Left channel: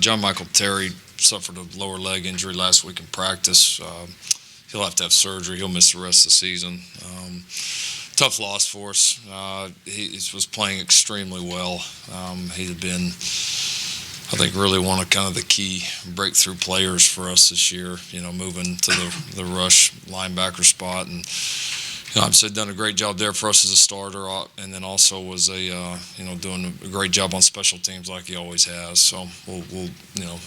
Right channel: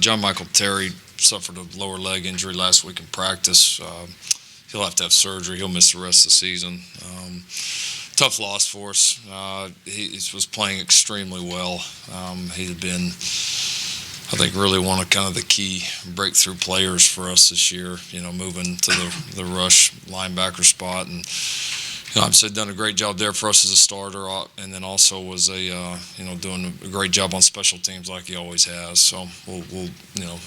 John Michael Terry suffered a lower leg injury last week in practice. He'll have to have surgery. He'll miss the rest of the season. Tough loss for us. He was playing extremely well. He had been, I think, really one of kind of the key breakthrough players for us this year, moving to the rush linebacker spot. And I've said done a great job there for us as a starter, and then also was doing a great job on special teams like he always has. So we'll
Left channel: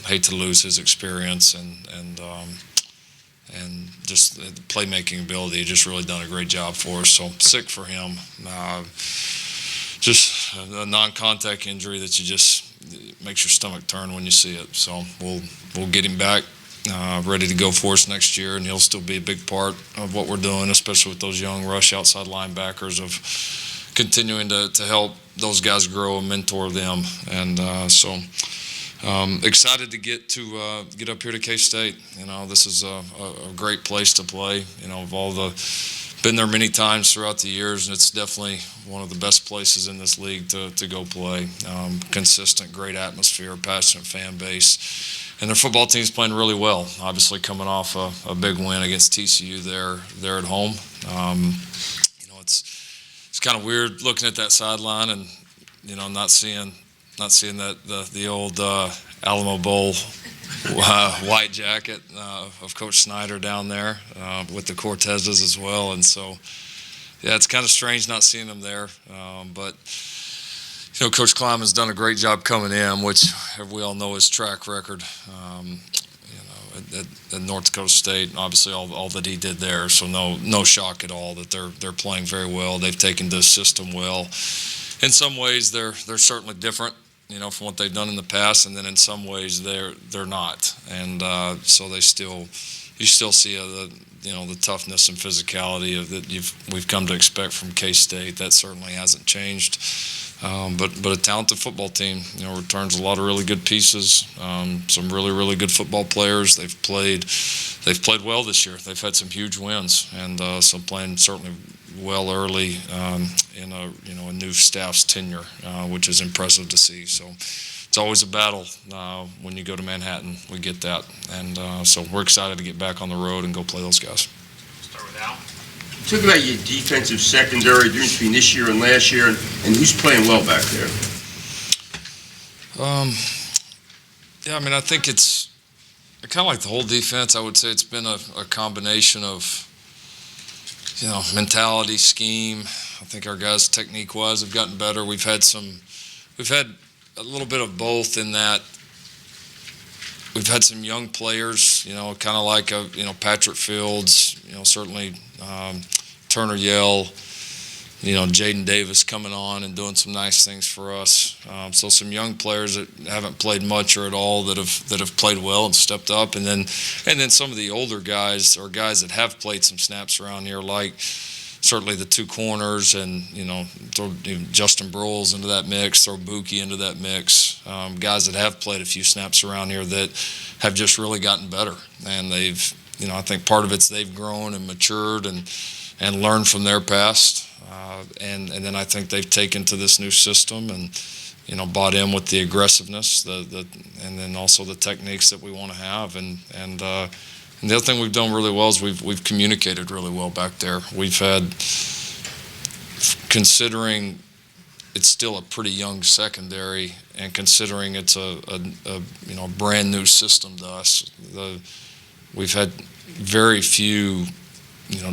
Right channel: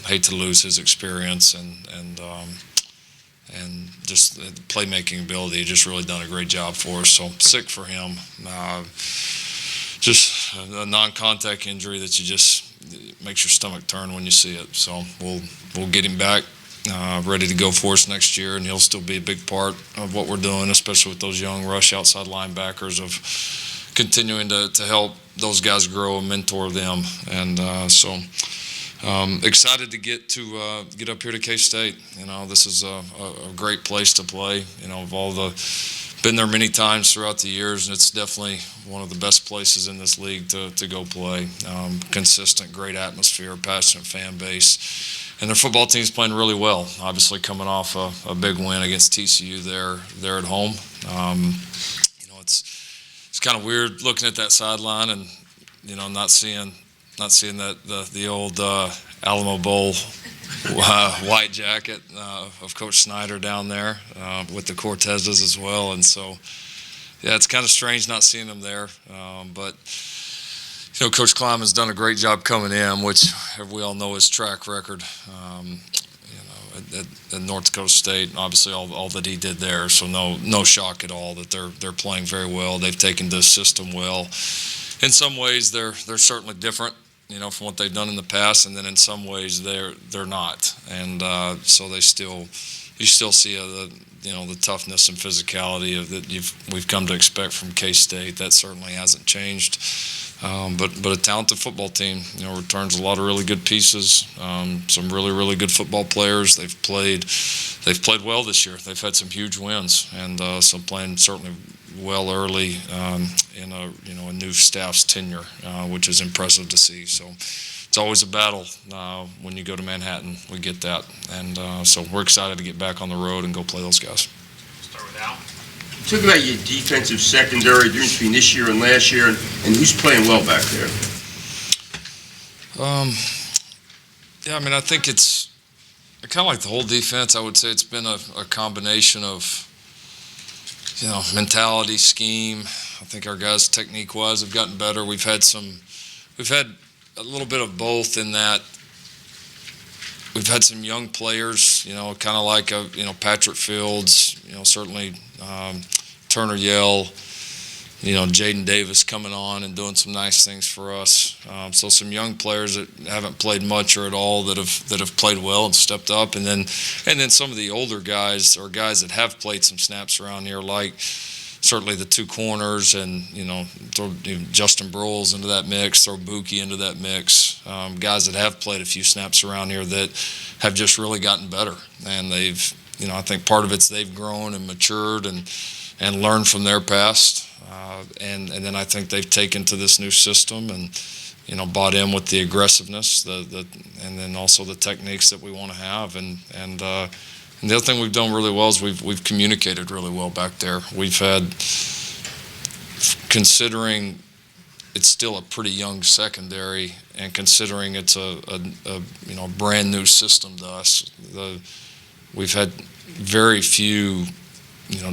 hate to lose his experience and just the playmaking ability. Just really done a great job for us. So sick for him. Just a non-contact injury that makes your stomach turn when you see it. So we'll get him back. Ready to go for us next year, and he'll still be a big part of what we're doing, especially with those young rush outside linebackers, of continuing to help those guys grow and mentor them. And so excited to get up here to K-State. This is a great place to play. Been there many times throughout the years, and it's definitely one of the best places in this league to go play. Consistent, great atmosphere, passionate fan base. And their football team's playing really well. Obviously, coming off a big win against TCU there at home. It's kind of weird looking at that sideline and not seeing that the old Alamo Bowl white jacket of Coach Snyder down there with the Cortezes as well. And so, yeah, it's kind of strange not seeing them there, but. Coach Klein has done a great job coming in, which we all know his track record at North Dakota State. Obviously, all that he did there, so no shock at all that they're playing very well. They've taken this system well. In some ways, they're certainly different, from what they've done in the past, and then in some ways they're not. And so you still see the toughness and physicality that we've come to expect from K-State. That certainly hasn't changed. But a talented football team, returns a lot of really good pieces. Some really, really good football players. They've played well this year. They've had some huge wins, and some playing certainly well early in a new staff's tenure, which is impressive to see. So it's always a battle when you go to Manhattan. We get that, and so we're excited to get back on the road and go play those guys. Start with Al. Talk about your defensive secondary difference between this year and last year, and who's playing well back there. I think it's kind of like the whole defense. I would say it's been a combination of mentality, scheme. I think our guys technique-wise have gotten better. We've had a little bit of both in that we've had some young players, kind of like Patrick Fields, certainly Turner Yell, Jaden Davis coming on and doing some nice things for us. So some young players that haven't played much or at all that have played well and stepped up, and then some of the older guys or guys that have played some snaps around here, like certainly the two corners, and throw Justin Broyles into that mix, throw Mookie into that mix. Guys that have played a few snaps around here that have just really gotten better, and they've I think part of it's they've grown and matured and learned from their past, and then I think they've taken to this new system and bought in with the aggressiveness, and then also the techniques that we want to have, and the other thing we've done really well is we've communicated really well back there. We've had, considering it's still a pretty young secondary, and considering it's a brand new system to us, we've had very few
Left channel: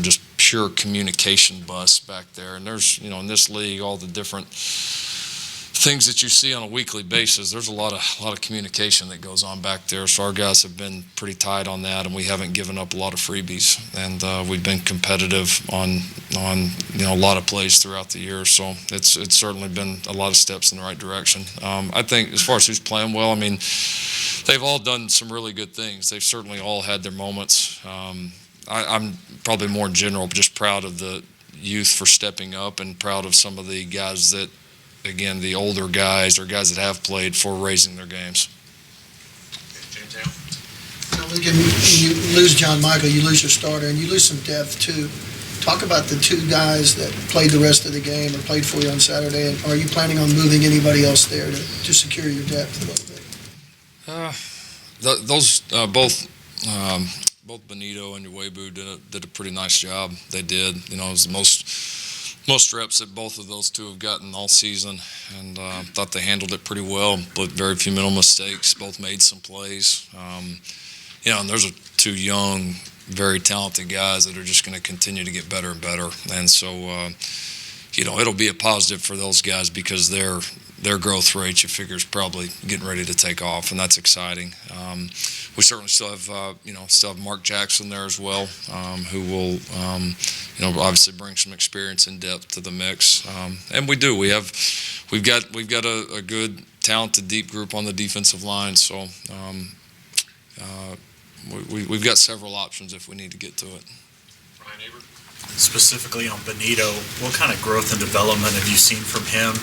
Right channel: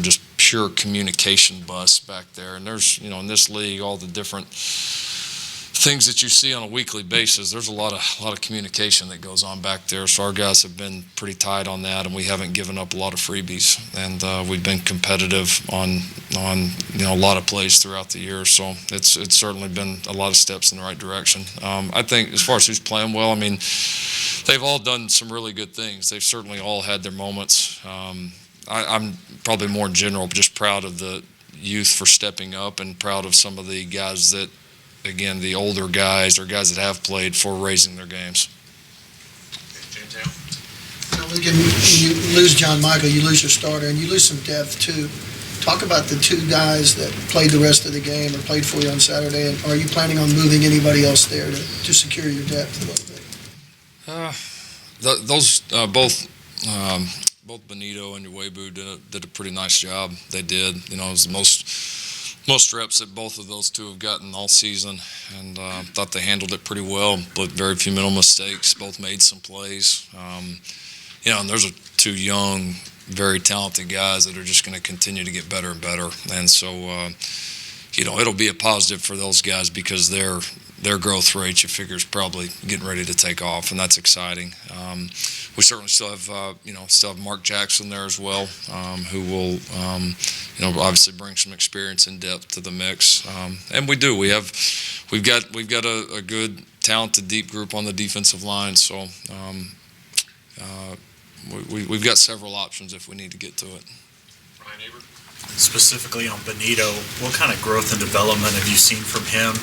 just pure communication busts back there. And there's in this league, all the different things that you see on a weekly basis, there's a lot of communication that goes on back there. So our guys have been pretty tight on that, and we haven't given up a lot of freebies, and we've been competitive on a lot of plays throughout the year. So it's certainly been a lot of steps in the right direction. I think as far as who's playing well, they've all done some really good things. They've certainly all had their moments. I'm probably more in general just proud of the youth for stepping up, and proud of some of the guys that, again, the older guys or guys that have played, for raising their games. When you lose John Michael, you lose your starter, and you lose some depth too. Talk about the two guys that played the rest of the game or played for you on Saturday, and are you planning on moving anybody else there to secure your depth a little bit? Those both Benito and Uebu did a pretty nice job. They did. You know, it was the most reps that both of those two have gotten all season, and thought they handled it pretty well. But very few minimal mistakes. Both made some plays. You know, and those are two young, very talented guys that are just going to continue to get better and better. And so, you know, it'll be a positive for those guys because their growth rate, you figure, is probably getting ready to take off, and that's exciting. We certainly still have Mark Jackson there as well, who will, you know, obviously bring some experience and depth to the mix. And we do. We've got a good, talented, deep group on the defensive line. So we've got several options if we need to get to it. Ryan Aber? Specifically on Benito, what kind of growth and development have you seen from him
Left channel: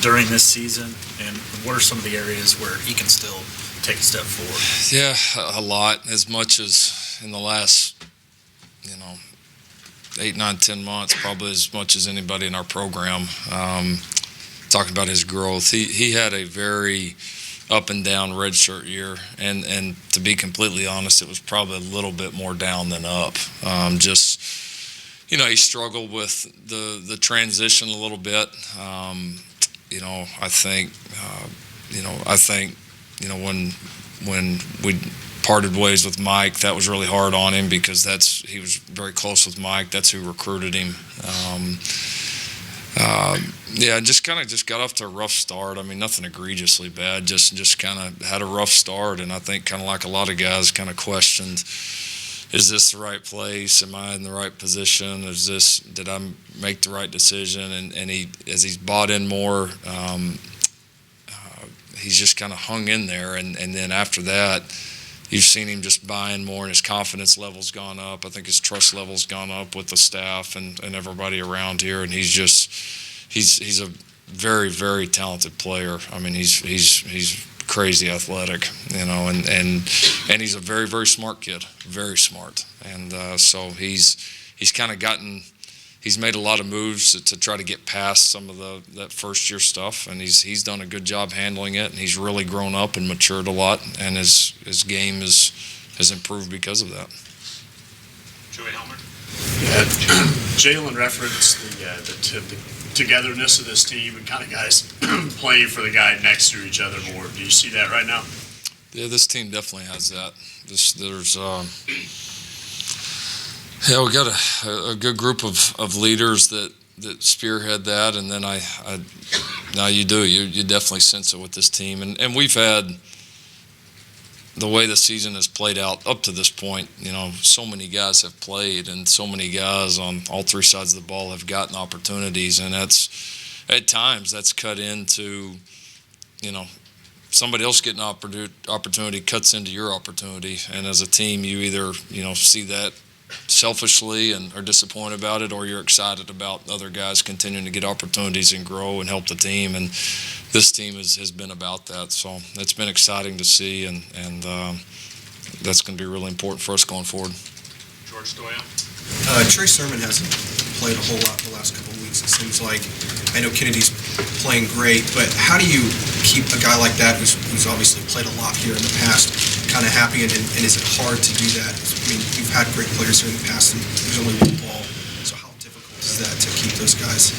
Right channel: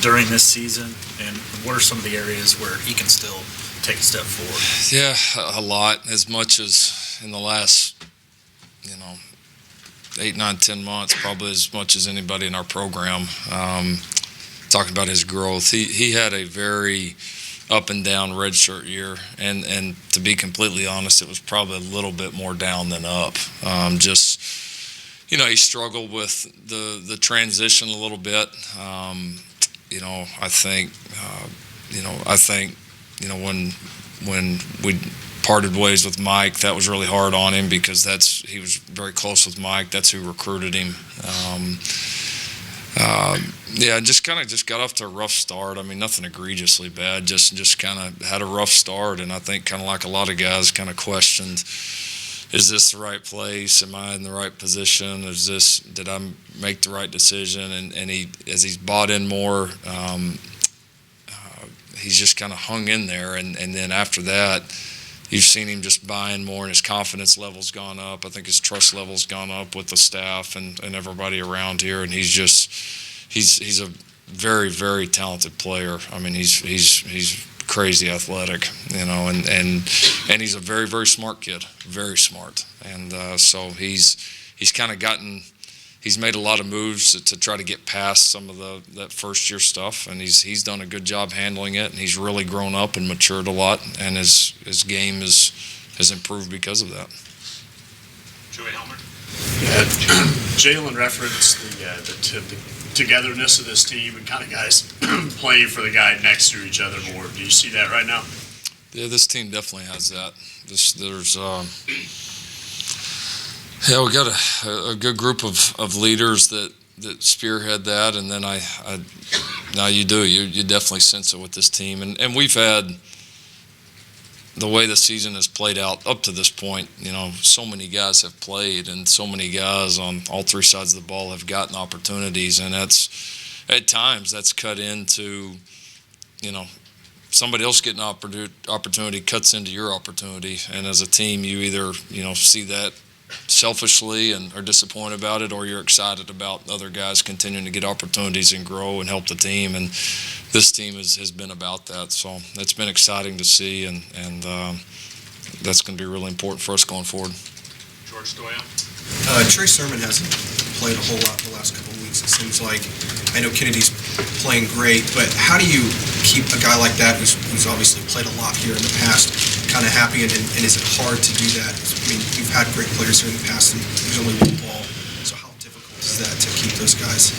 during this season, and what are some of the areas where he can still take a step forward? Yeah, a lot. As much as in the last, 8, 9, 10 months, probably as much as anybody in our program. Talking about his growth, he had a very up and down redshirt year, and to be completely honest, it was probably a little bit more down than up. He struggled with the transition a little bit. I think when we parted ways with Mike, that was really hard on him because he was very close with Mike. That's who recruited him. Just got off to a rough start. I mean, nothing egregiously bad. Just kind of had a rough start, and I think kind of like a lot of guys, kind of questioned, is this the right place? Am I in the right position? Did I make the right decision? And as he's bought in more, he's just kind of hung in there. And then after that, you've seen him just buy in more, and his confidence level's gone up. I think his trust level's gone up with the staff and everybody around here. And he's a very, very talented player. I mean, he's crazy athletic, and he's a very, very smart kid, very smart. And so he's made a lot of moves to try to get past some of that first year stuff, and he's done a good job handling it, and he's really grown up and matured a lot, and his game has improved because of that. Joey Helmer? Jalen referenced the togetherness of this team and kind of guys playing for the guy next to each other more. Do you see that right now? Yeah, this team definitely has that. We got a good group of leaders that spearhead that, and then you definitely sense it with this team, and we've had the way the season has played out up to this point. So many guys have played, and so many guys on all three sides of the ball have gotten opportunities, and at times that's cut into, somebody else getting an opportunity cuts into your opportunity, and as a team, you either see that selfishly and are disappointed about it, or you're excited about other guys continuing to get opportunities and grow and help the team. And this team has been about that, so it's been exciting to see, and that's going to be really important for us going forward. George Stoya? Trey Sermon hasn't played a whole lot the last couple of weeks, it seems like. I know Kennedy's playing great, but how do you keep a guy like that who's obviously played a lot here in the past kind of happy, and is it hard to do that? I mean, you've had great players here in the past, and there's only one ball, so how difficult is that to keep those guys?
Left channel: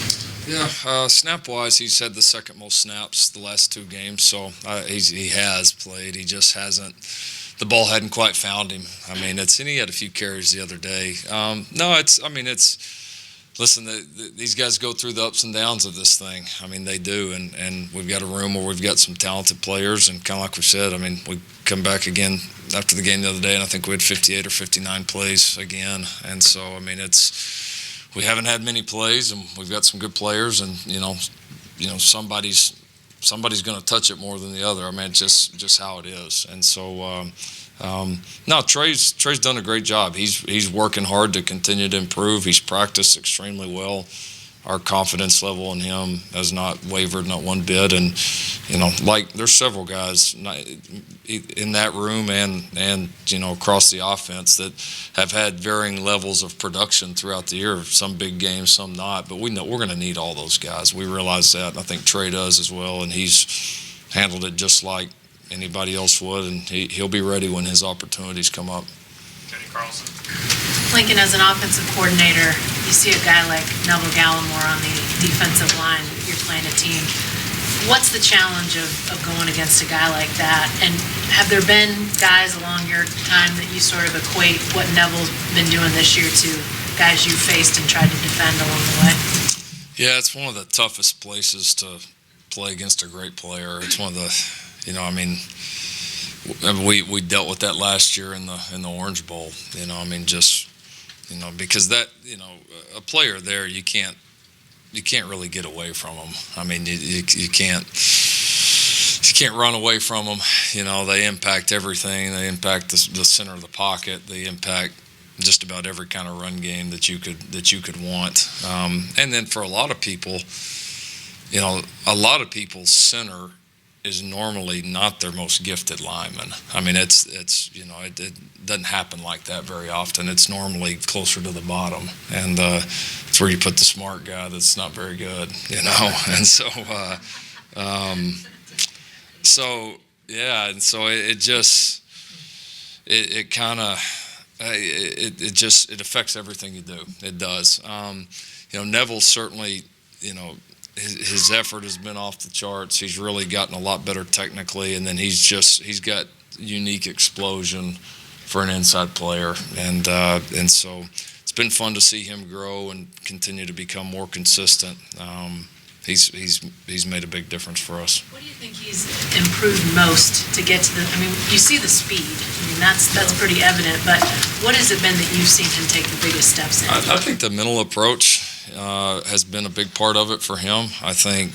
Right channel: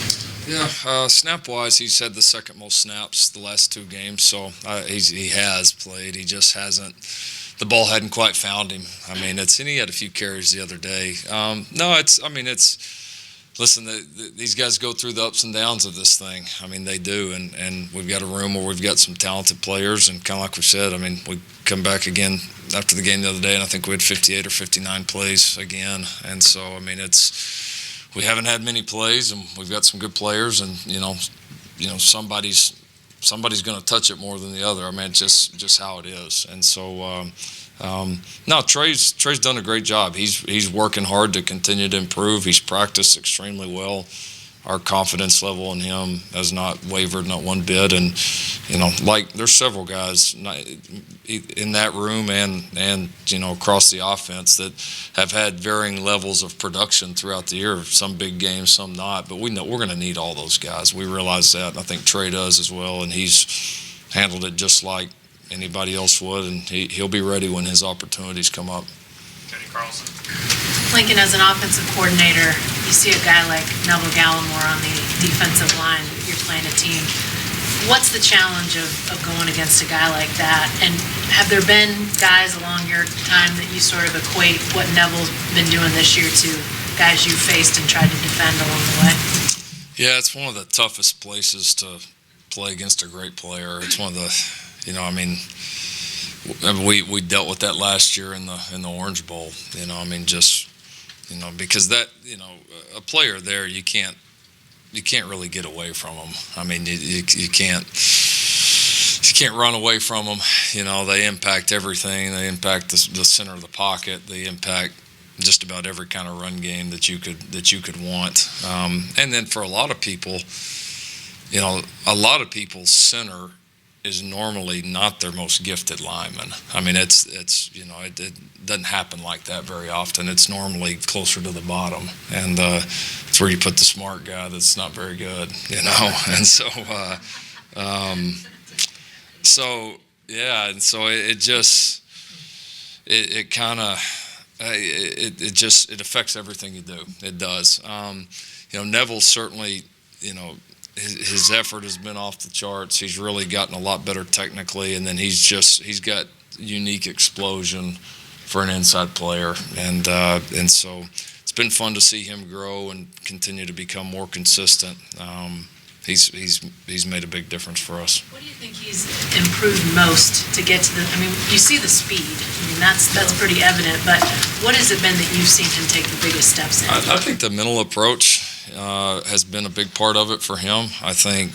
Yeah, snap-wise, he's had the second most snaps the last two games, so he has played. He just hasn't. The ball hadn't quite found him. I mean, and he had a few carries the other day. Listen, these guys go through the ups and downs of this thing. I mean, they do, and we've got a room where we've got some talented players, and kind of like we said, I mean, we come back again after the game the other day, and I think we had 58 or 59 plays again, and so, I mean, we haven't had many plays, and we've got some good players, and, somebody's going to touch it more than the other. I mean, it's just how it is, and so, no, Trey's done a great job. He's working hard to continue to improve. He's practiced extremely well. Our confidence level in him has not wavered, not one bit. And there's several guys in that room and across the offense that have had varying levels of production throughout the year. Some big games, some not. But we know we're going to need all those guys. We realize that. And I think Trey does as well, and he's handled it just like anybody else would, and he'll be ready when his opportunities come up. Kenny Carlson. Lincoln, as an offensive coordinator, you see a guy like Neville Gallimore on the defensive line, you're playing a team. What's the challenge of going against a guy like that? And have there been guys along your time that you sort of equate what Neville's been doing this year to guys you faced and tried to defend along the way? Yeah, it's one of the toughest places to play against a great player. It's one of the, we dealt with that last year in the Orange Bowl. Because that, a player there, you can't really get away from them. I mean, you can't run away from them. They impact everything. They impact the center of the pocket. They impact just about every kind of run game that you could want. And then for a lot of people, a lot of people's center is normally not their most gifted lineman. I mean, it doesn't happen like that very often. It's normally closer to the bottom, and it's where you put the smart guy that's not very good, And so, it affects everything you do. It does. Neville certainly, his effort has been off the charts. He's really gotten a lot better technically, and then he's got unique explosion for an inside player, and so it's been fun to see him grow and continue to become more consistent. He's made a big difference for us. What do you think he's improved most to get to you see the speed. That's pretty evident, but what has it been that you've seen him take the biggest steps in? I think the mental approach has been a big part of it for him. I think,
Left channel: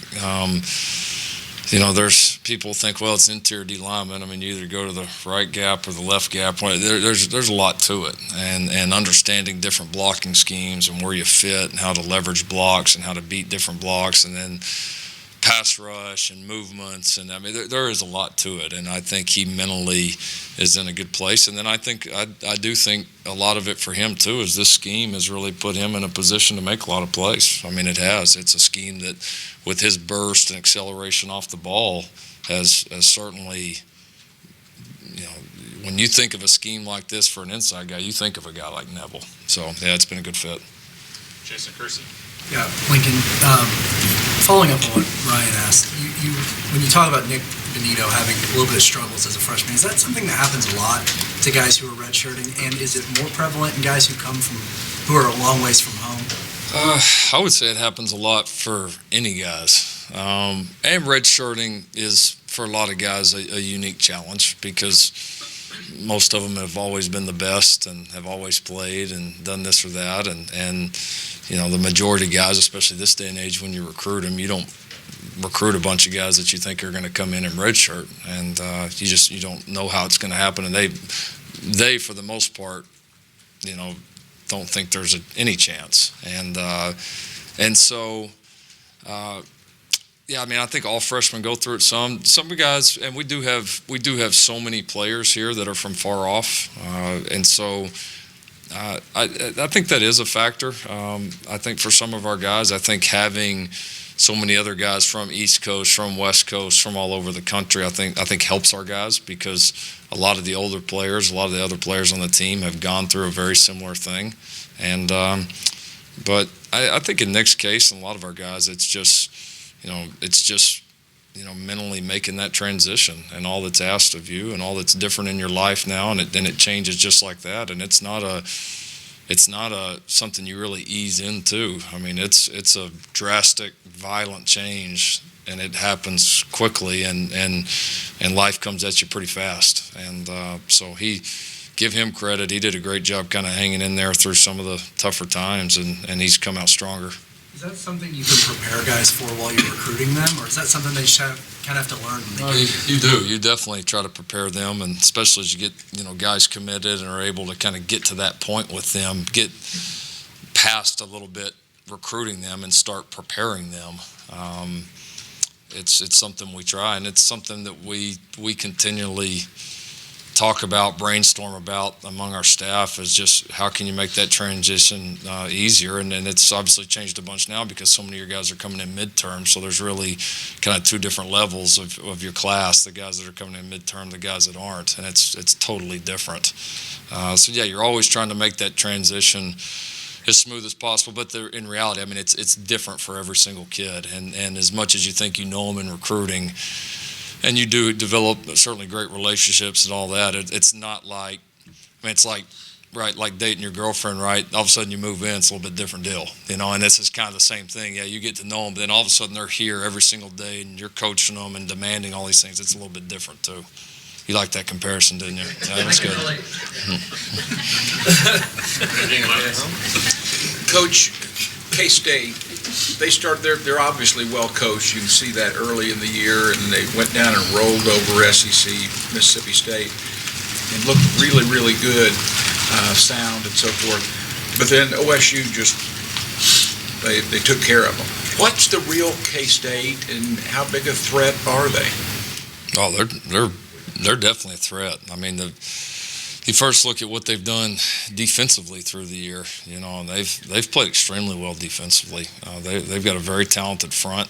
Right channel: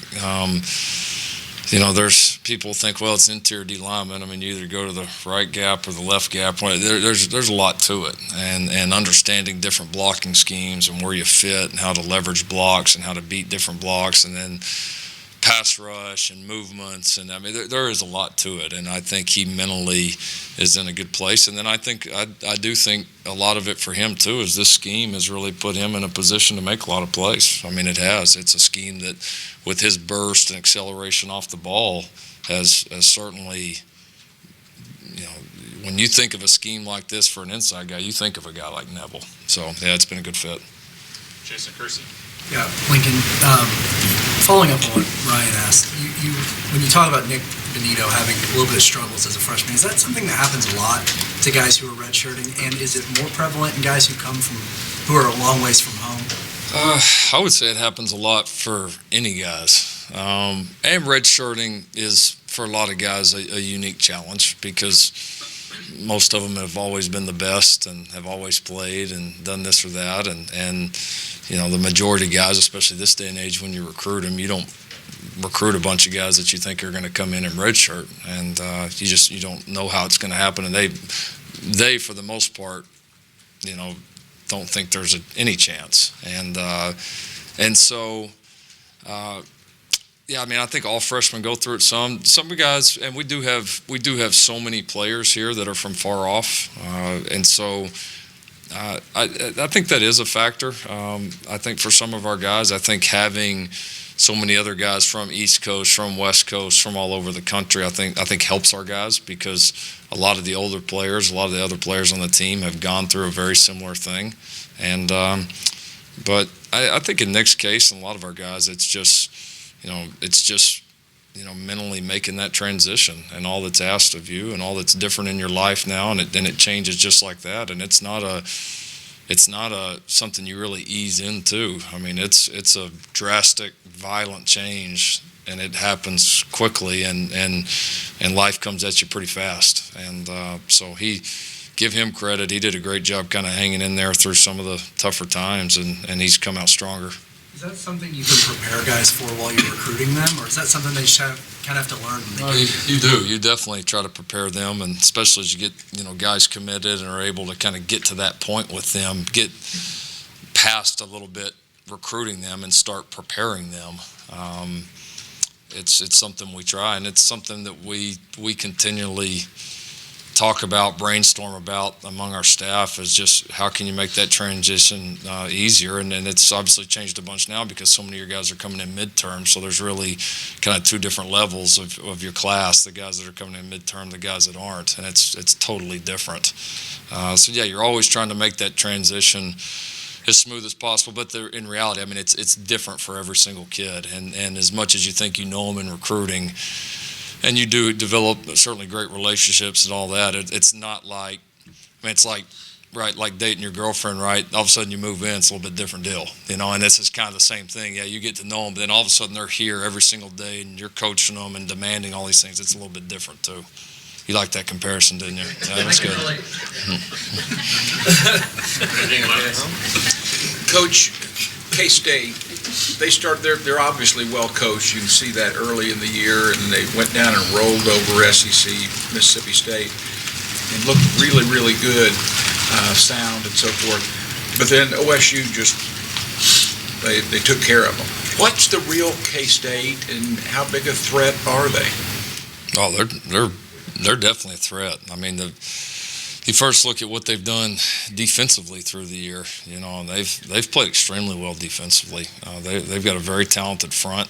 there's people think, well, it's interior D lineman. I mean, you either go to the right gap or the left gap. There's a lot to it, and understanding different blocking schemes and where you fit and how to leverage blocks and how to beat different blocks, and then pass rush and movements, and there is a lot to it, and I think he mentally is in a good place. And then I do think a lot of it for him too is this scheme has really put him in a position to make a lot of plays. I mean, it has. It's a scheme that, with his burst and acceleration off the ball, has certainly, when you think of a scheme like this for an inside guy, you think of a guy like Neville. So yeah, it's been a good fit. Jason Kersey. Yeah, Lincoln, following up on what Ryan asked, you when you talk about Nick Benito having a little bit of struggles as a freshman, is that something that happens a lot to guys who are redshirting, and is it more prevalent in guys who are a long ways from home? I would say it happens a lot for any guys. And redshirting is, for a lot of guys, a unique challenge, because most of them have always been the best and have always played and done this or that, and the majority of guys, especially this day and age, when you recruit them, you don't recruit a bunch of guys that you think are going to come in redshirt, and you don't know how it's going to happen, and they for the most part, don't think there's any chance, and so. Yeah, I think all freshmen go through it. Some guys, and we do have so many players here that are from far off, and so I think that is a factor. I think for some of our guys, I think having so many other guys from East Coast, from West Coast, from all over the country, I think helps our guys, because a lot of the older players, a lot of the other players on the team have gone through a very similar thing, and but I think in Nick's case and a lot of our guys, it's just mentally making that transition and all that's asked of you and all that's different in your life now, and it changes just like that, and it's not something you really ease into. I mean, it's a drastic, violent change, and it happens quickly, and life comes at you pretty fast, and so give him credit. He did a great job kind of hanging in there through some of the tougher times, and he's come out stronger. Is that something you can prepare guys for while you're recruiting them, or is that something they just kind of have to learn? You do. You definitely try to prepare them, and especially as you get guys committed and are able to kind of get to that point with them, get past a little bit recruiting them and start preparing them. It's something we try, and it's something that we continually talk about, brainstorm about among our staff is just how can you make that transition easier, and it's obviously changed a bunch now because so many of your guys are coming in midterm, so there's really kind of two different levels of your class, the guys that are coming in midterm, the guys that aren't, and it's totally different. So yeah, you're always trying to make that transition as smooth as possible, but in reality, I mean, it's different for every single kid, and as much as you think you know them in recruiting, and you do develop certainly great relationships and all that, it's not like, I mean, it's like, right, like dating your girlfriend, right? All of a sudden you move in, it's a little bit different deal, and this is kind of the same thing. Yeah, you get to know them, but then all of a sudden they're here every single day, and you're coaching them and demanding all these things. It's a little bit different, too. You liked that comparison, didn't you? That was good. Coach, K-State, they're obviously well coached. You can see that early in the year, and they went down and rolled over SEC, Mississippi State, and looked really, really good, sound and so forth. But then OSU they took care of them. What's the real K-State, and how big a threat are they? Oh, they're definitely a threat. I mean, you first look at what they've done defensively through the year. And they've played extremely well defensively. They've got a very talented front,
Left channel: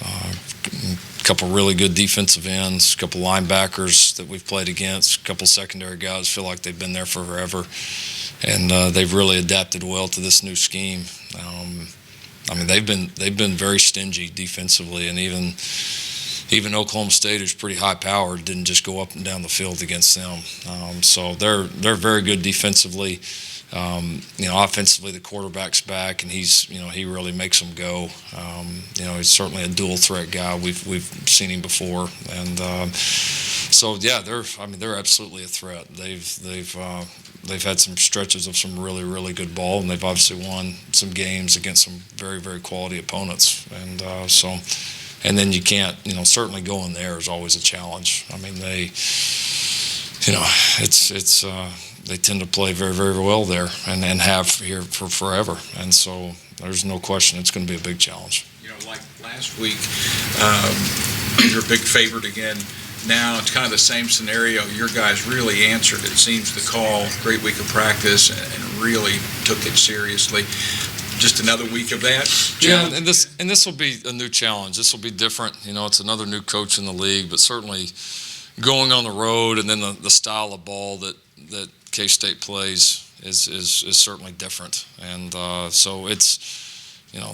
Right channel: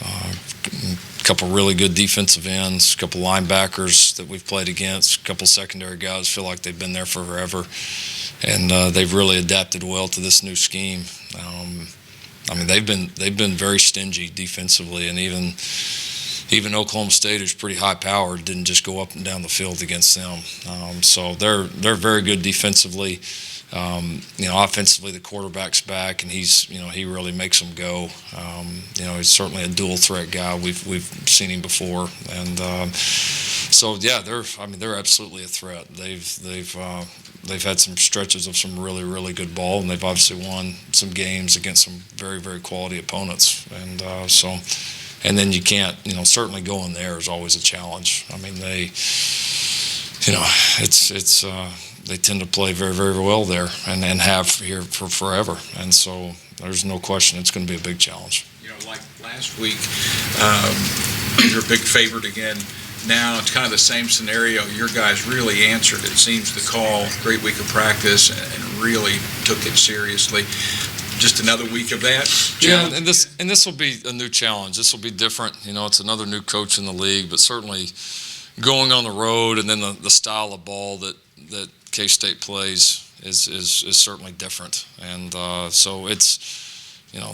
a couple really good defensive ends, a couple linebackers that we've played against, a couple secondary guys feel like they've been there for forever, and they've really adapted well to this new scheme. I mean, they've been very stingy defensively, and even Oklahoma State, who's pretty high-powered, didn't just go up and down the field against them. So they're very good defensively. Offensively, the quarterback's back, and he really makes them go. He's certainly a dual-threat guy. We've seen him before, and so yeah, they're absolutely a threat. They've had some stretches of some really, really good ball, and they've obviously won some games against some very, very quality opponents, and so. And then you can't, certainly going there is always a challenge. I mean, they tend to play very, very well there and have here for forever. And so there's no question it's going to be a big challenge. Like last week, you're a big favorite again. Now it's kind of the same scenario. Your guys really answered, it seems, the call. Great week of practice and really took it seriously. Just another week of that. Yeah, and this will be a new challenge. This will be different. It's another new coach in the league, but certainly going on the road and then the style of ball that K-State plays is certainly different. And so it's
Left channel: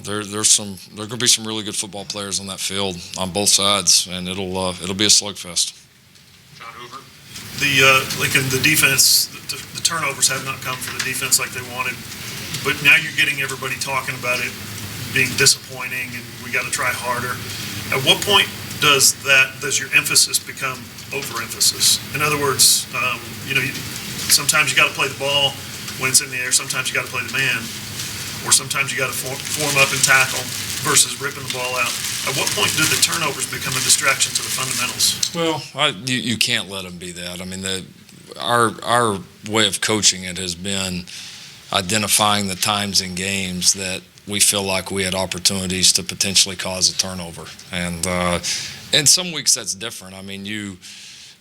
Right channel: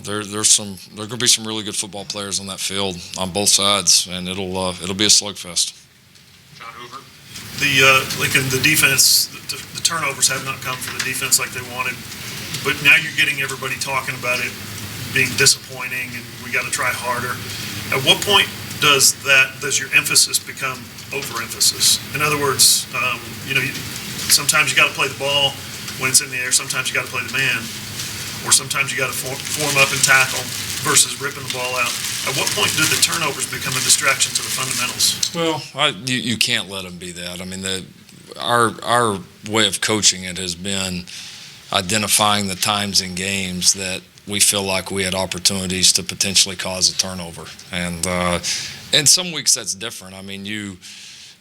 there's going to be some really good football players on that field on both sides, and it'll be a slugfest. John Hoover. The defense, the turnovers have not come for the defense like they wanted. But now you're getting everybody talking about it being disappointing and we got to try harder. At what point does your emphasis become overemphasis? In other words, sometimes you got to play the ball when it's in the air. Sometimes you got to play the man, or sometimes you got to form up and tackle versus ripping the ball out. At what point do the turnovers become a distraction to the fundamentals? Well, you can't let them be that. I mean, our way of coaching it has been identifying the times in games that we feel like we had opportunities to potentially cause a turnover. And some weeks that's different. I mean,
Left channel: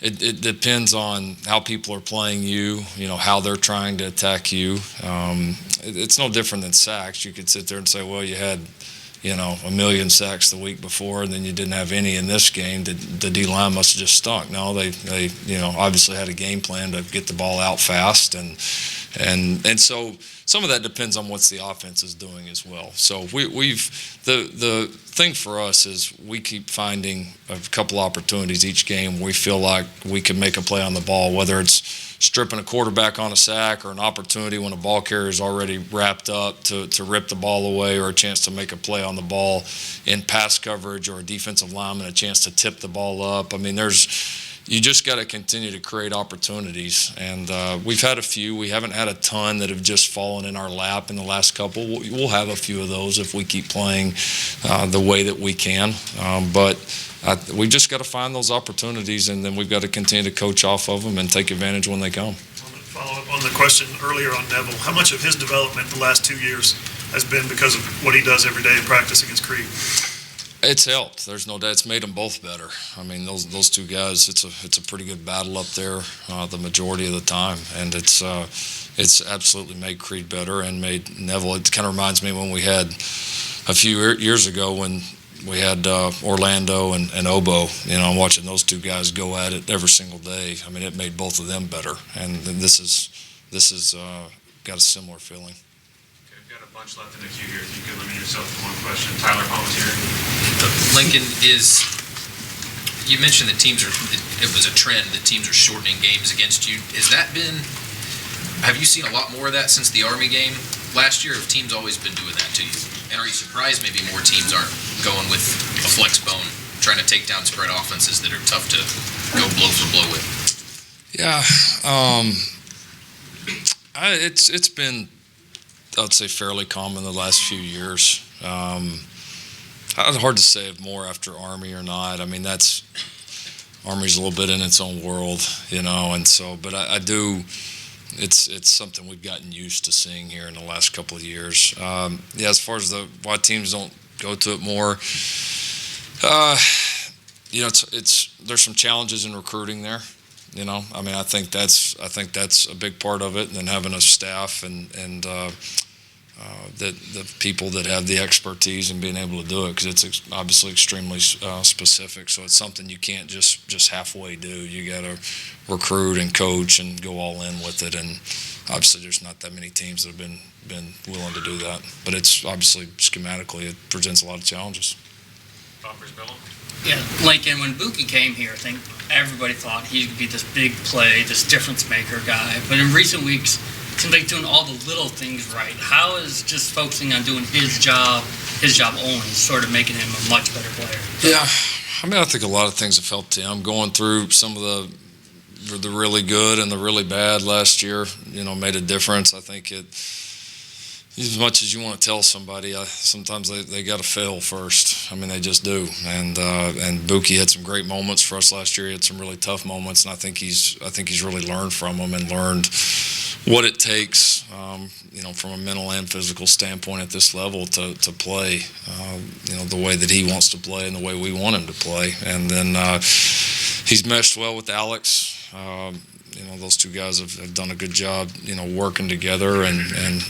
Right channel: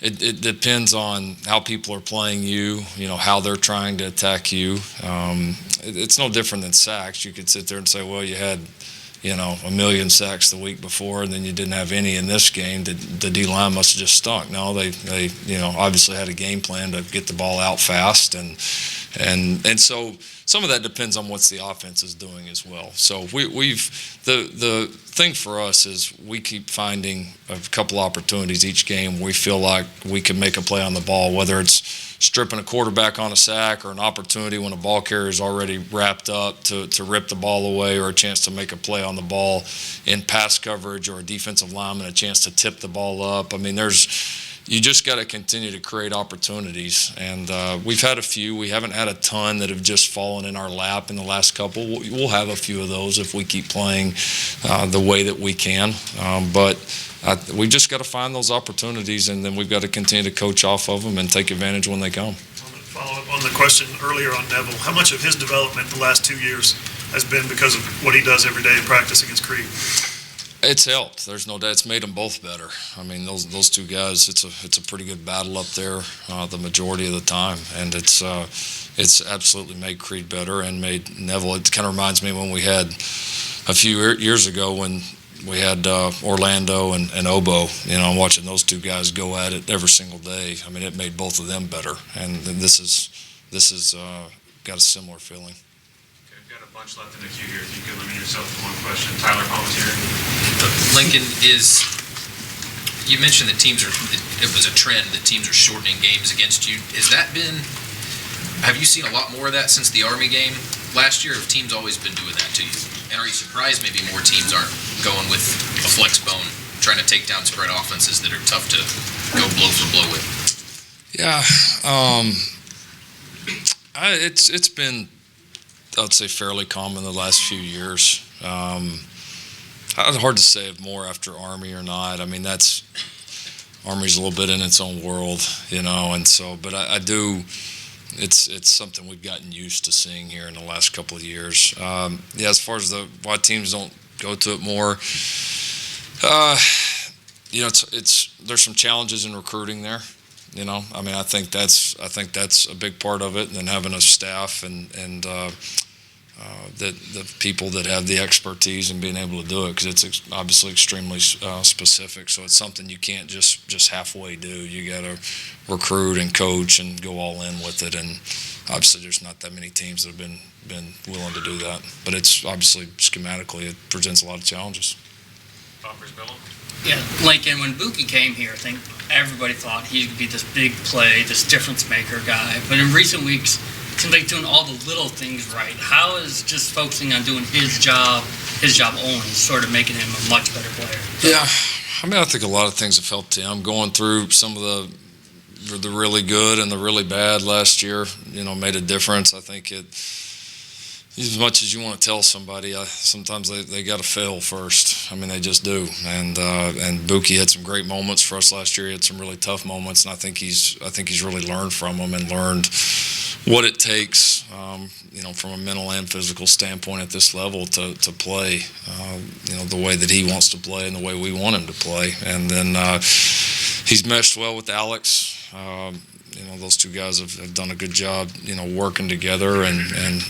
it depends on how people are playing you, how they're trying to attack you. It's no different than sacks. You could sit there and say, well, you had, a million sacks the week before, and then you didn't have any in this game. The D-line must have just stunk. No, they obviously had a game plan to get the ball out fast, and so some of that depends on what the offense is doing as well. So the thing for us is we keep finding a couple opportunities each game where we feel like we can make a play on the ball, whether it's stripping a quarterback on a sack or an opportunity when a ball carrier is already wrapped up to rip the ball away, or a chance to make a play on the ball in pass coverage, or a defensive lineman a chance to tip the ball up. I mean, you just got to continue to create opportunities, and we've had a few. We haven't had a ton that have just fallen in our lap in the last couple. We'll have a few of those if we keep playing the way that we can, but we just got to find those opportunities, and then we've got to continue to coach off of them and take advantage when they come. I'm going to follow up on the question earlier on Neville. How much of his development the last 2 years has been because of what he does every day in practice against Creed? It's helped. There's no doubt. It's made them both better. I mean, those two guys. It's a pretty good battle up there the majority of the time, and it's absolutely made Creed better and made Neville. It kind of reminds me when we had a few years ago when we had Orlando and Obo. You know, watching those two guys go at it every single day. I mean, it made both of them better, and this is got a similar feeling. Okay, we've got a bunch left in the queue here. If you could limit yourself to one question. Tyler Palmatier. Lincoln, you mentioned that it was a trend that teams are shortening games against you. Have you seen a lot more of that since the Army game last year? Or have teams always been doing that to you? And are you surprised maybe more teams aren't going with a flex bone, trying to take down spread offenses that are tough to go blow for blow with? Yeah, it's been, I'd say, fairly common the last few years. It's hard to say if more after Army or not. I mean, Army's a little bit in its own world, you know, and so, but I do. It's something we've gotten used to seeing here in the last couple of years. Yeah, as far as why teams don't go to it more, you know, there's some challenges in recruiting there. You know, I mean, I think that's a big part of it, and then having a staff and the people that have the expertise and being able to do it, because it's obviously extremely specific. So it's something you can't just halfway do. You got to recruit and coach and go all in with it. And obviously, there's not that many teams that have been willing to do that. But it's obviously schematically, it presents a lot of challenges. Yeah, Lincoln, when Mookie came here, I think everybody thought he would be this big play, this difference maker guy. But in recent weeks, it seems like doing all the little things right. How is just focusing on doing his job only, sort of making him a much better player? Yeah, I mean, I think a lot of things have helped him. Going through some of the really good and the really bad last year, you know, made a difference. I think as much as you want to tell somebody, sometimes they got to fail first. I mean, they just do. And Mookie had some great moments for us last year. He had some really tough moments, and I think he's really learned from them and learned what it takes, you know, from a mental and physical standpoint at this level to play, you know, the way that he wants to play and the way we want him to play. And then he's meshed well with Alex. You know, those two guys have done a good job, you know, working together and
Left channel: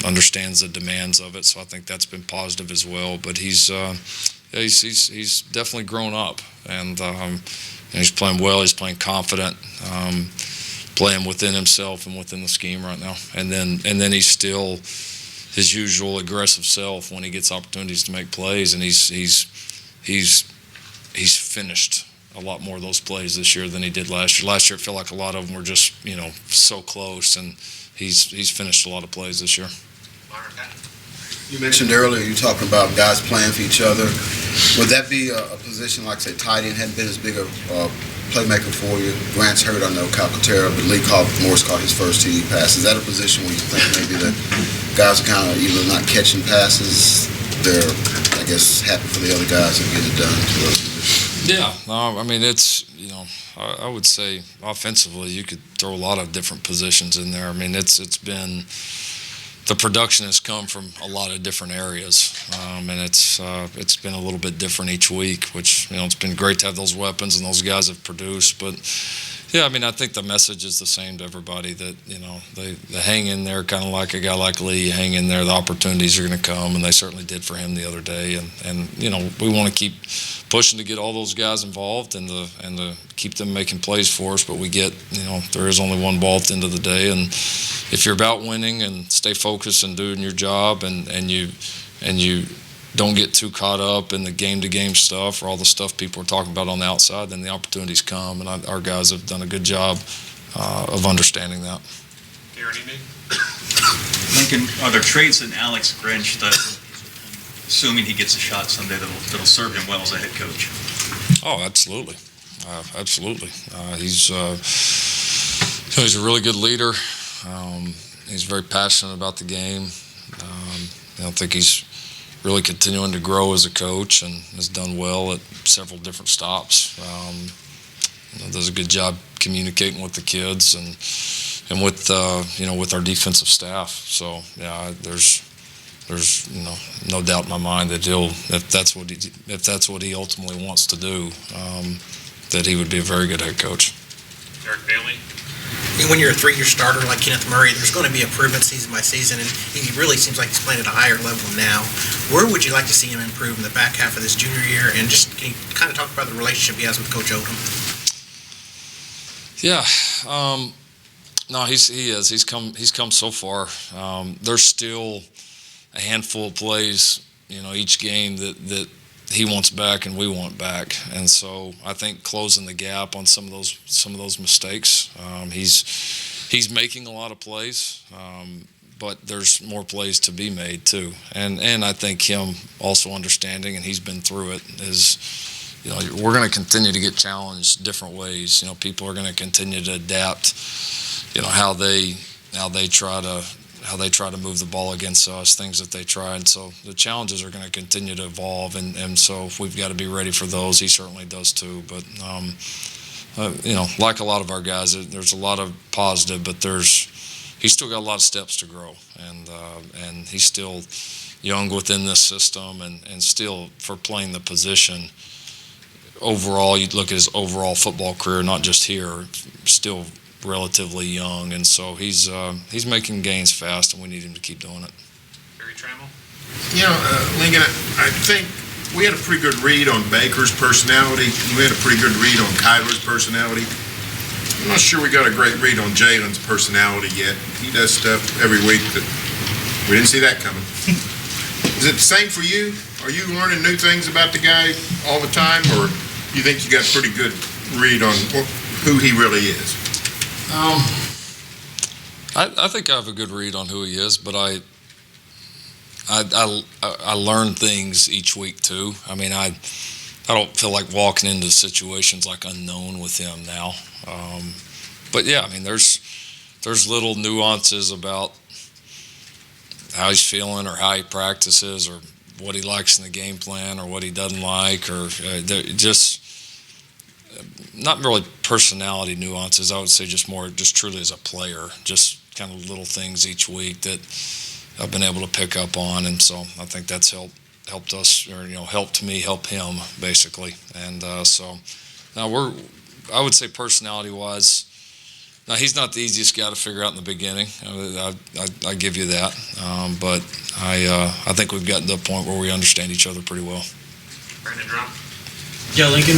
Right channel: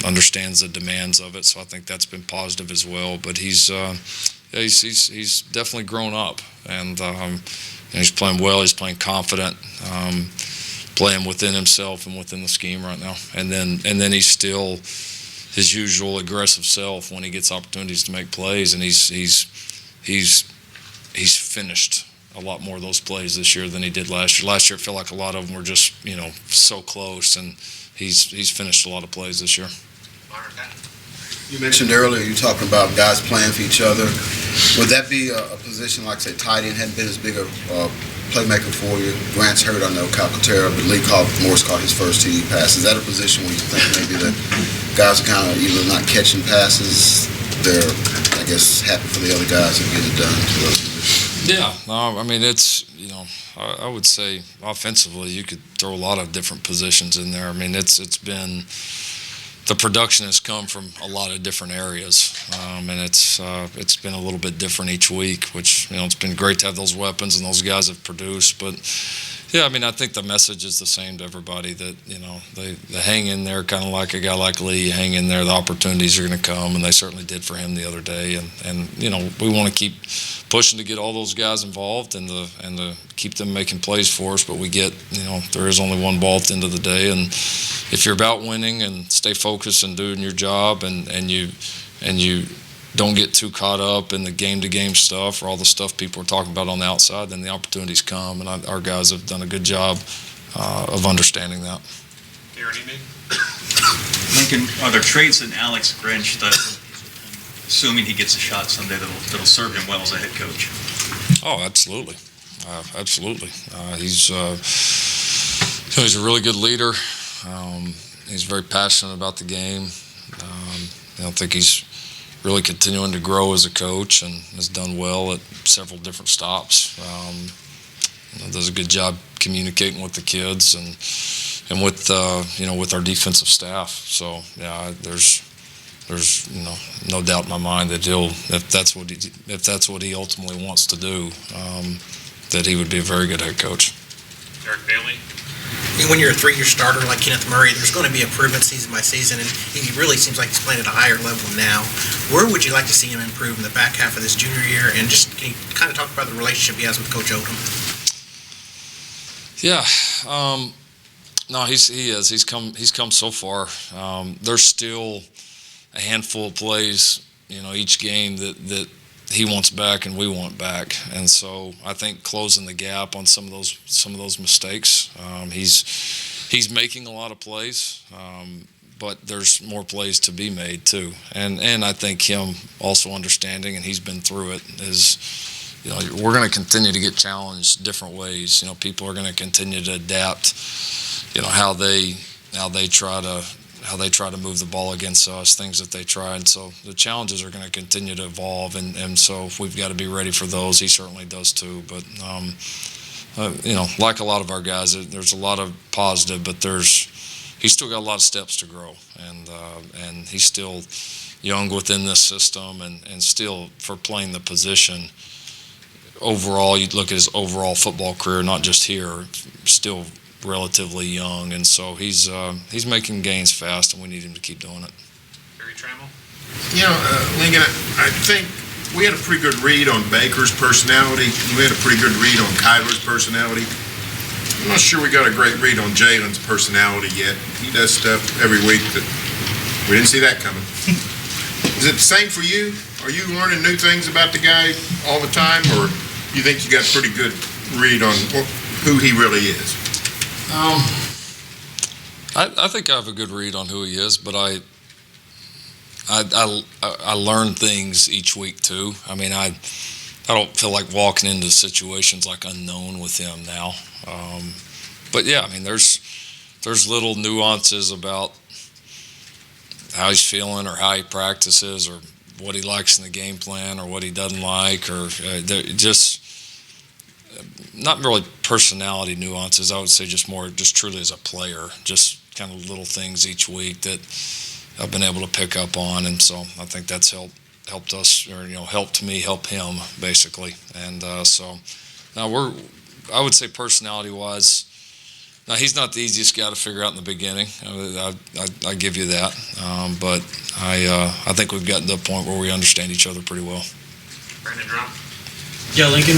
understands the demands of it. So I think that's been positive as well. But he's definitely grown up, and he's playing well. He's playing confident, playing within himself and within the scheme right now. And then he's still his usual aggressive self when he gets opportunities to make plays. And he's finished a lot more of those plays this year than he did last year. Last year, I feel like a lot of them were just, you know, so close, and he's finished a lot of plays this year. You mentioned earlier, you talking about guys playing for each other. Would that be a position like, say, tight end hadn't been as big a playmaker for you? Grant's hurt, I know, Calcaterra, but Morris caught his first TD pass. Is that a position where you think maybe that guys are kind of either not catching passes, they're, I guess, happy for the other guys to get it done to those positions? Yeah, I mean, it's, you know, I would say offensively you could throw a lot of different positions in there. I mean, it's been, the production has come from a lot of different areas, and it's been a little bit different each week, which, you know, it's been great to have those weapons and those guys have produced. But yeah, I mean, I think the message is the same to everybody that, you know, they hang in there, kind of like a guy like Lee, hang in there, the opportunities are going to come, and they certainly did for him the other day. And you know, we want to keep pushing to get all those guys involved and to keep them making plays for us. But we get, you know, there is only one ball at the end of the day, and if you're about winning and stay focused and doing your job, and you don't get too caught up in the game-to-game stuff or all the stuff people are talking about on the outside, then the opportunities come, and our guys have done a good job of understanding that. Lincoln, are there traits in Alex Grinch that, assuming he gets a shot someday, that'll serve him well as a head coach? Oh, absolutely. Absolutely. He's a really good leader. He's very passionate about the game. I don't think he's really continuing to grow as a coach and has done well at several different stops. You know, does a good job communicating with the kids and with you know, with our defensive staff. So yeah, there's there's no doubt in my mind that if that's what he ultimately wants to do, that he would be a very good head coach. Eric Bailey. And when you're a three-year starter like Kenneth Murray, there's going to be improvement season by season, and he really seems like he's playing at a higher level now. Where would you like to see him improve in the back half of this junior year? And just can you kind of talk about the relationship he has with Coach Odom? Yeah, no, he is. He's come so far. There's still a handful of plays, each game that he wants back and we want back, and so I think closing the gap on some of those mistakes. He's making a lot of plays, but there's more plays to be made too, and I think him also understanding, and he's been through it, is we're going to continue to get challenged different ways. People are going to continue to adapt, how they try to move the ball against us, things that they try. And so the challenges are going to continue to evolve. And so we've got to be ready for those. He certainly does too. But, like a lot of our guys, there's a lot of positive, but he's still got a lot of steps to grow. And he's still young within this system and still for playing the position. Overall, you look at his overall football career, not just here, still relatively young, and so he's making gains fast, and we need him to keep doing it. Barry Trammell? Lincoln, I think we had a pretty good read on Baker's personality. We had a pretty good read on Kyler's personality. I'm not sure we got a great read on Jalen's personality yet. He does stuff every week that we didn't see that coming. Is it the same for you? Are you learning new things about the guy all the time, or you think you got a pretty good read on who he really is? I think I have a good read on who he is, but I learn things each week too. I mean, I don't feel like walking into situations like unknown with him now. But yeah, I mean, there's little nuances about how he's feeling or how he practices or what he likes in the game plan or what he doesn't like, or just not really personality nuances. I would say just truly as a player, just kind of little things each week that I've been able to pick up on, and so I think that's helped us, or helped me help him basically. And so now I would say personality-wise, now he's not the easiest guy to figure out in the beginning. I give you that, but I think we've gotten to a point where we understand each other pretty well. Brandon Drum? Yeah, Lincoln,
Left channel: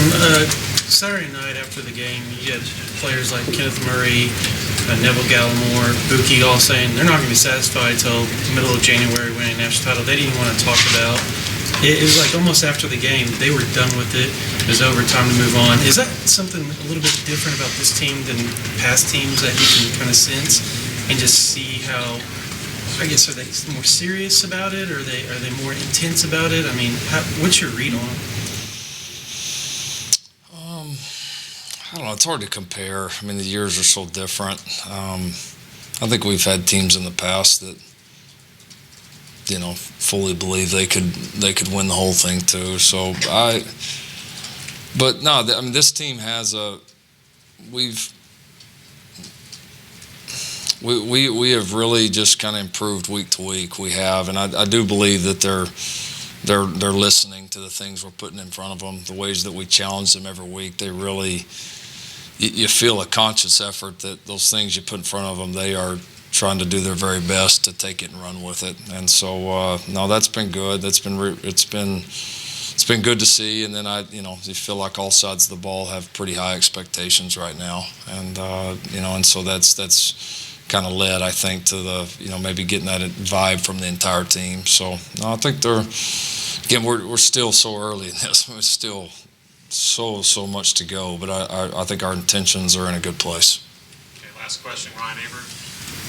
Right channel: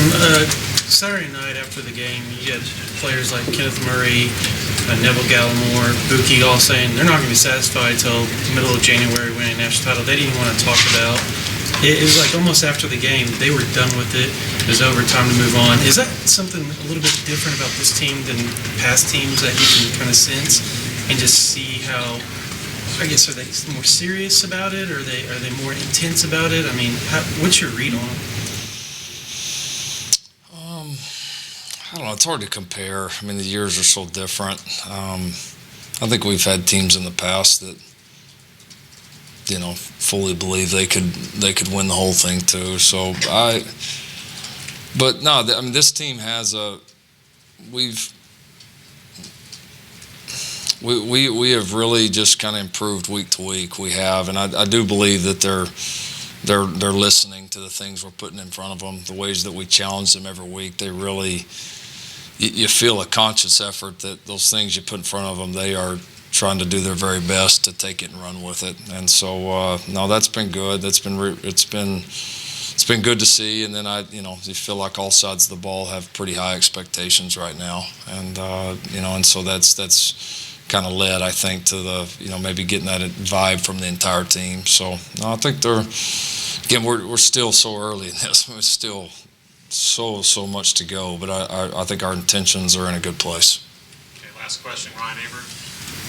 Saturday night after the game, you had players like Kenneth Murray, Neville, Gallimore, Mookie all saying they're not going to be satisfied till the middle of January winning a national title. They didn't want to talk about. It was like almost after the game, they were done with it. It was over, time to move on. Is that something a little bit different about this team than past teams that you can kind of sense and just see how, I guess, are they more serious about it? Or are they more intense about it? I mean, what's your read on it? I don't know. It's hard to compare. I mean, the years are so different. I think we've had teams in the past that, fully believe they could win the whole thing too. So but no, I mean, this team has we have really just kind of improved week to week. We have, and I do believe that they're listening to the things we're putting in front of them, the ways that we challenge them every week. They really, you feel a conscious effort that those things you put in front of them, they are trying to do their very best to take it and run with it. And so, no, that's been good. It's been good to see. And then you feel like all sides of the ball have pretty high expectations right now. And, and so that's kind of led, I think, to the, maybe getting that vibe from the entire team. So, no, I think we're still so early in this. It's still so much to go, but I think our intentions are in a good place. Okay, last question, Ryan Aber.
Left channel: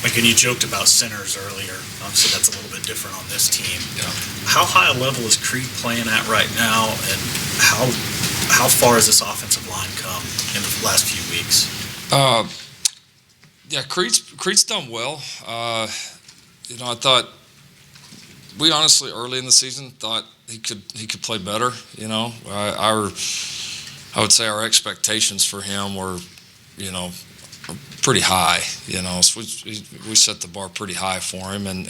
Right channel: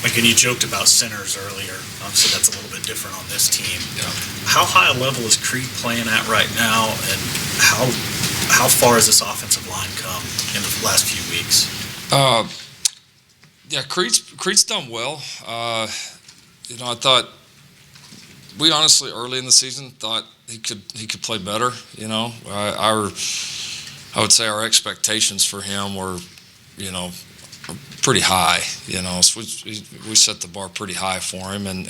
Lincoln, you joked about centers earlier, so that's a little bit different on this team. Yeah. How high a level is Creed playing at right now, and how far has this offensive line come in the last few weeks? Yeah, Creed's done well. I thought we honestly early in the season thought he could play better. I would say our expectations for him were, pretty high. So we set the bar pretty high for him, and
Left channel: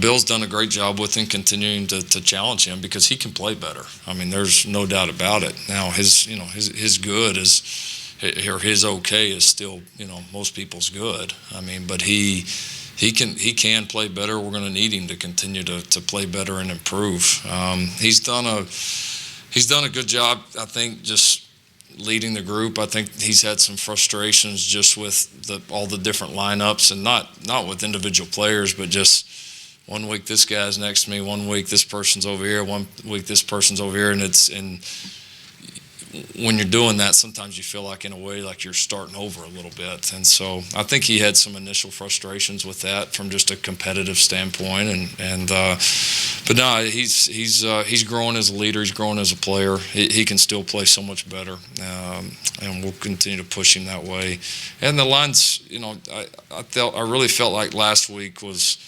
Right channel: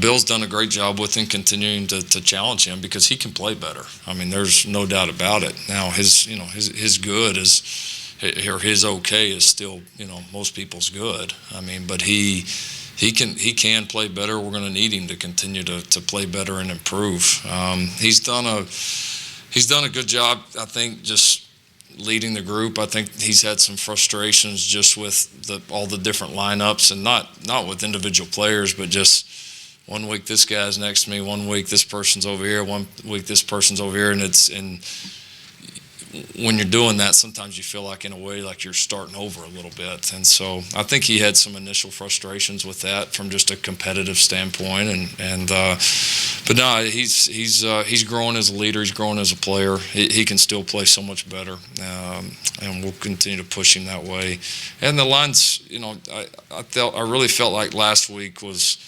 Bill's done a great job with him, continuing to challenge him because he can play better. I mean, there's no doubt about it. Now his good is, or his okay is still, most people's good. I mean, but he can play better. We're going to need him to continue to play better and improve. He's done a good job, I think, just leading the group. I think he's had some frustrations just with all the different lineups, and not with individual players, but just one week this guy's next to me, one week this person's over here, one week this person's over here, and when you're doing that, sometimes you feel like, in a way, like you're starting over a little bit. And so I think he had some initial frustrations with that from just a competitive standpoint. But no, he's growing as a leader. He's growing as a player. He can still play so much better, and we'll continue to push him that way. And the lines, I really felt like last week was,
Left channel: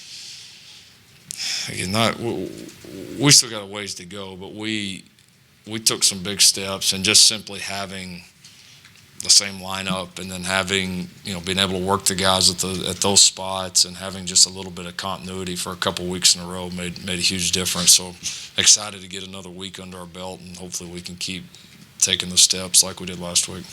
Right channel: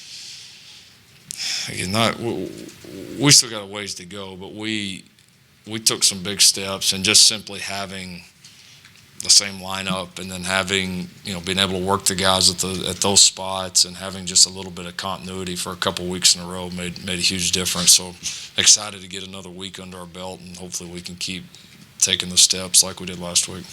we still got a ways to go, but we took some big steps, and just simply having the same lineup, and then having, being able to work the guys at those spots, and having just a little bit of continuity for a couple weeks in a row made a huge difference. So excited to get another week under our belt, and hopefully we can keep taking the steps like we did last week.